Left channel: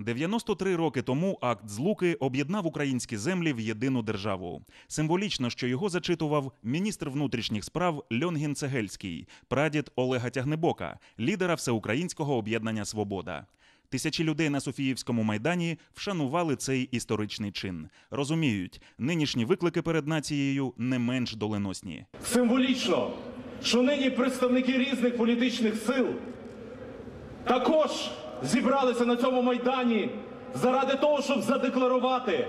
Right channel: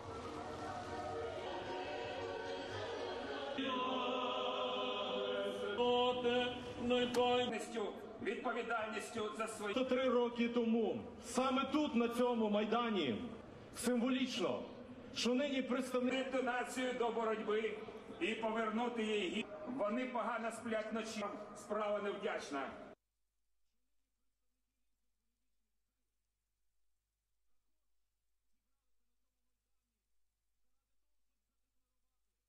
93 роки тому акт Злуки об'єднав українські землі в єдину державу. Символічно, що його зачитував міністр внутрішніх справ Льонгін Цегельський, прадід Олега Тягнебока, лідера всеукраїнського об'єднання Свобода. Тисячі людей на Софіївському майдані вшанували цей історичний чин. Розуміють, нинішні виклики перед нацією не менш доленосні. Символічно, що нині представники різних політичних сил також зібралися на цьому майдані заради того, щоб задекларувати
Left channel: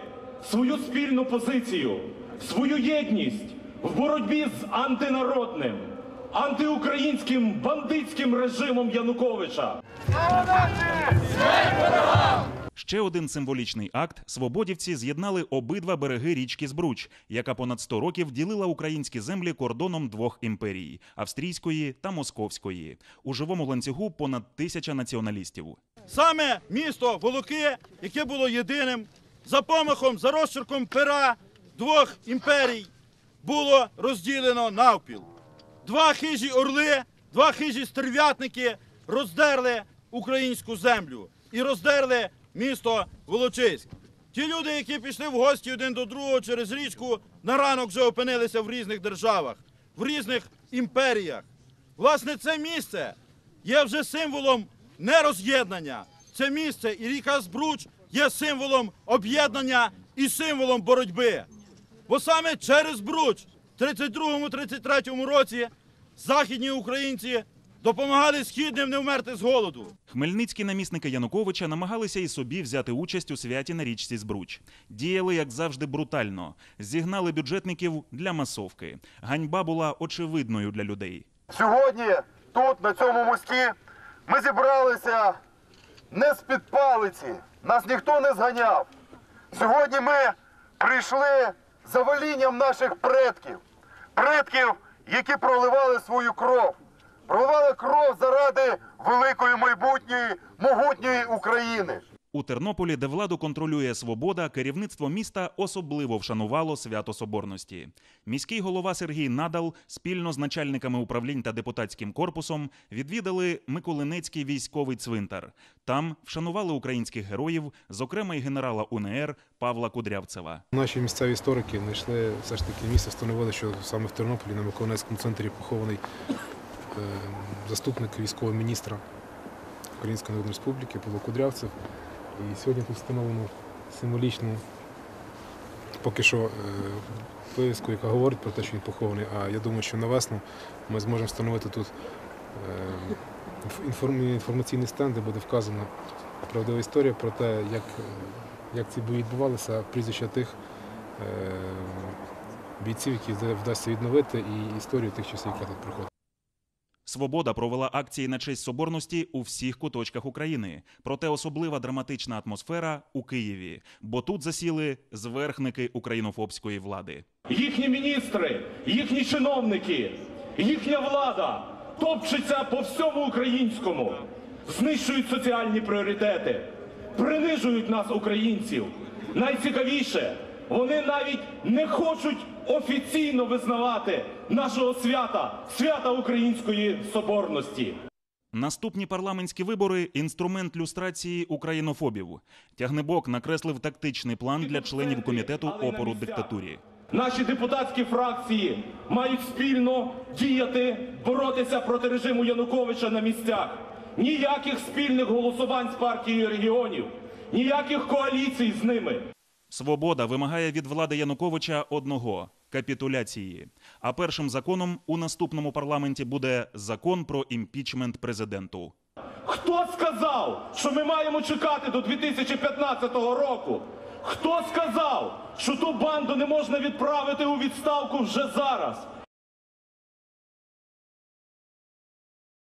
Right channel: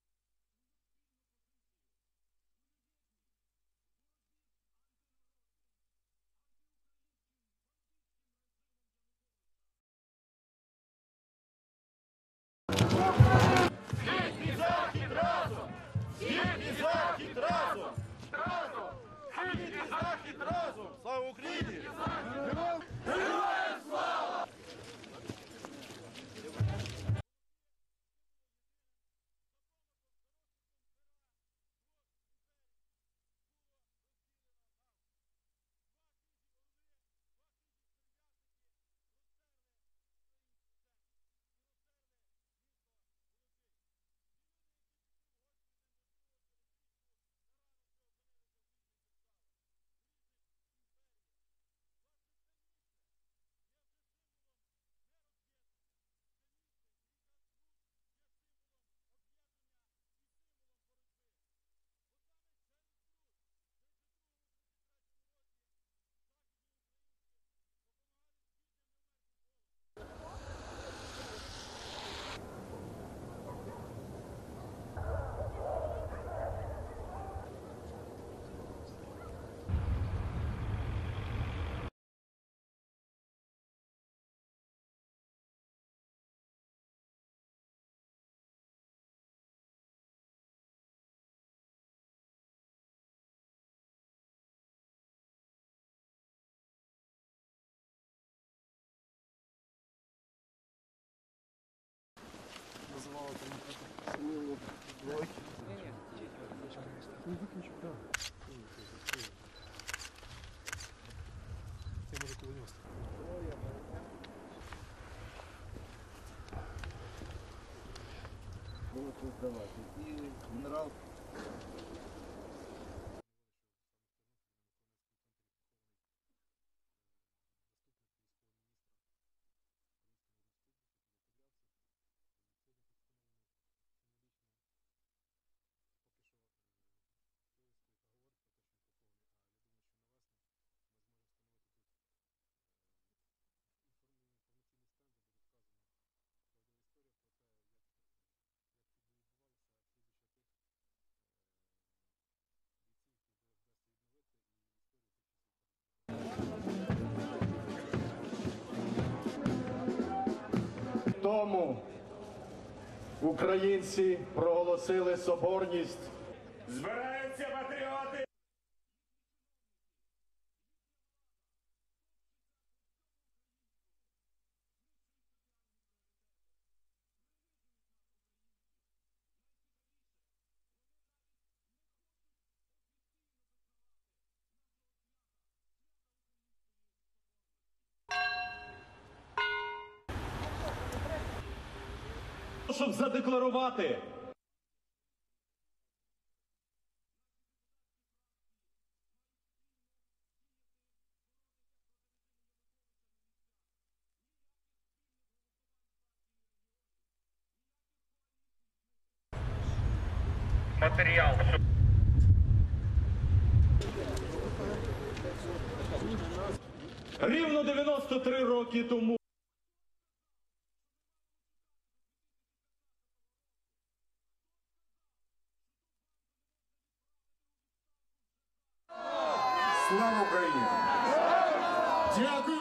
свою спільну позицію, свою єдність в боротьбі з антинародним, антиукраїнським бандитським режимом Януковича. Ще один символічний акт свободівці з'єднали обидва береги річки Збруч, яка понад 100 років ділила українські землі кордоном двох імперій австрійської та московської. У живому ланцюгу понад тисяча націоналістів. Саме місто Волоки, яке було єдиним, за помахом, за розчерком пера двох імперій, було розділено навпіл. Два хижі орли, два хижі стерв'ятники роздерли українську землю і роздерли місто Волочиськ. Ті люди, які пішли в гості один до другого через річку, на ранок вже опинилися в різних державах, в різних імперіях. Власне, це місце є вже символом не роз'єднання. Це місце і ріка Збруч є символом об'єднання і символом боротьби. Бо саме через Бруч в 32-33 році західні українці допомагали східним не вмерти з голоду. Хмельницькі намісники Януковича намагалися і собі взяти участь у святі на річці Збруч. Діяли, як завжди, брутально. Зігнали бюджетників для масовки. Ганьба була очевидною для людей. Сьогодні тут, на цьому мості, ми зібралися не з-під палиці. Нас ніхто не зганяв. Сьогодні ми прийшли за волінням наших предків. Предків, які проливали свою кров. Проливали кров заради великої майбутньої, могутньої України. У Тернополі, де владу контролює свобода, керівництво міста особливо вшанувало свято Соборності. Міський голова Сергій Надал спільно з начальниками управлінь та депутатським корпусом відвідали Миколинецький військовий цвинтар. Там вшанували українських героїв, зокрема й генерала УНР Павла Кудрявцева. Наші місцеві історики знайшли все ж таки місце, встановили, що саме в Тернополі на Миколаївському центрі похований заступник військового міністра Української Народної Республіки Павло Кудрявцев. І сьогодні тут встановлено символічну поки що е, вивіску, яка говорить про те, що він похований. А я думаю, що на весну ми зможемо встановити тут е, інф- інформ- інформаційний стенд, де буде вказана правдива історія про те, як, е, як ці бої відбувалися, прізвища тих е, бійців, які вдасться відновити, і історію тих часів, яка тут проходила. Свобода провела акції на честь соборності у всіх куточках України. Проте особлива драматична атмосфера у Києві, бо тут засіли зверхники українофобської влади. Їхні міністри, їхні чиновники, їхня влада топчеться по всьому українському, знищують соціальні пріоритети, принижують нас, українців. Найцікавіше, вони навіть не хочуть офіційно визнавати нашого свята, свята української соборності. Наступні парламентські вибори інструмент люстрації українофобів. Тягнебок накреслив тактичний план для членів комітету опору диктатурі. Наші депутатські фракції мають спільно діяти, боротися проти режиму Януковича на місцях. Ніяких спільних голосувань з партією регіонів, ніяких коаліцій з ними. Свобода вимагає від влади Януковича одного капітуляції. А першим законом у наступному парламенті буде закон про імпічмент президенту. Хто сказав, що ми маємо чекати до 2015 року? Хто сказав, що ту банду не можна відправити у відставку вже зараз? Слава Україні! Дякую.